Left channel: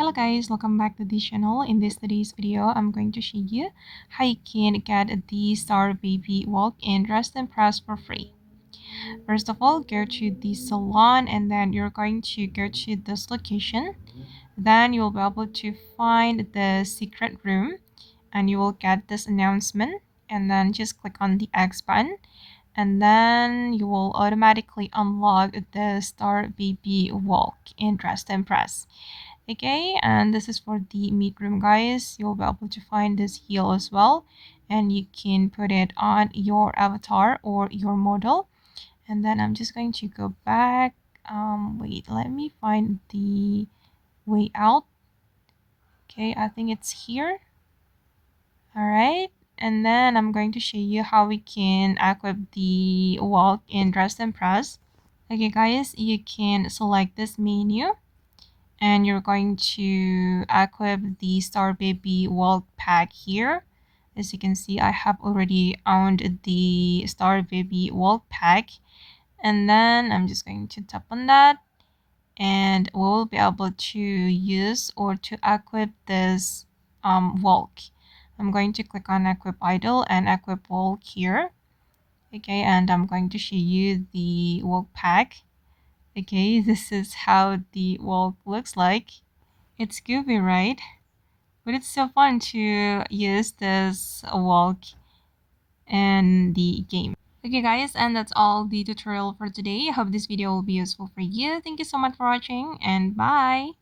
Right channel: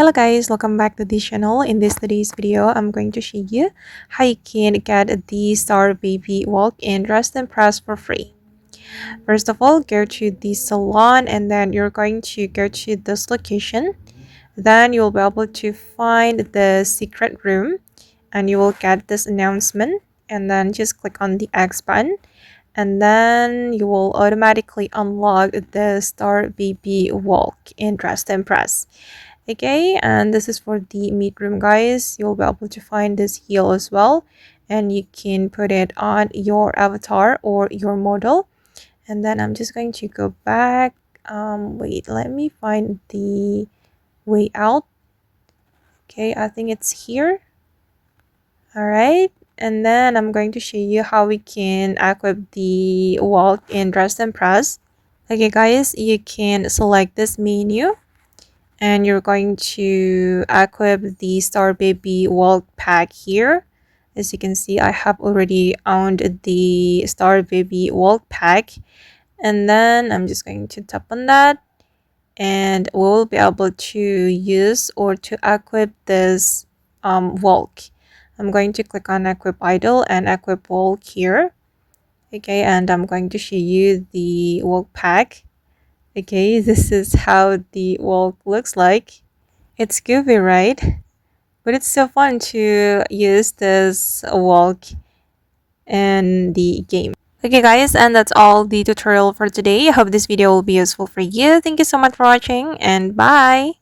Hello guys, welcome back to this channel. In today's video, I'm going to show you how you can get the Star Baby walk-in dress and press for free. First of all, go to the salon and then you're going to go to this location. Then you'll be able to find the secret room and you will get this announcement, and then just click on the X button and then you will automatically unlock the Star Baby walk-in dress and press. Okay, and this is for the meat room, guys. You'll be able to find this heel as well, and you can put it on your avatar or your model. And then I'm just going to go back. Wait, let me find the way out. Okay, I think it's here. All right, and then I'm going to show you how we can equip the walk-in dress and press. Okay guys, you can select this menu and you're going to equip the Star Baby Walk Pack here. As you can see, I have already owned the Star Baby Walk Pack, and then I'm just going to tap on that and we'll be able to use or to equip this walk. I'm going to click on equip idle and equip walk here. Okay, and I'm going to show you the walk pack. Okay, this is how the walk looks like. It's goofy, right? But it's so fun to use this walk in the game. Okay guys, and that's all the tutorial for today. I hope this video will be useful for you. Thank you so much for watching and bye!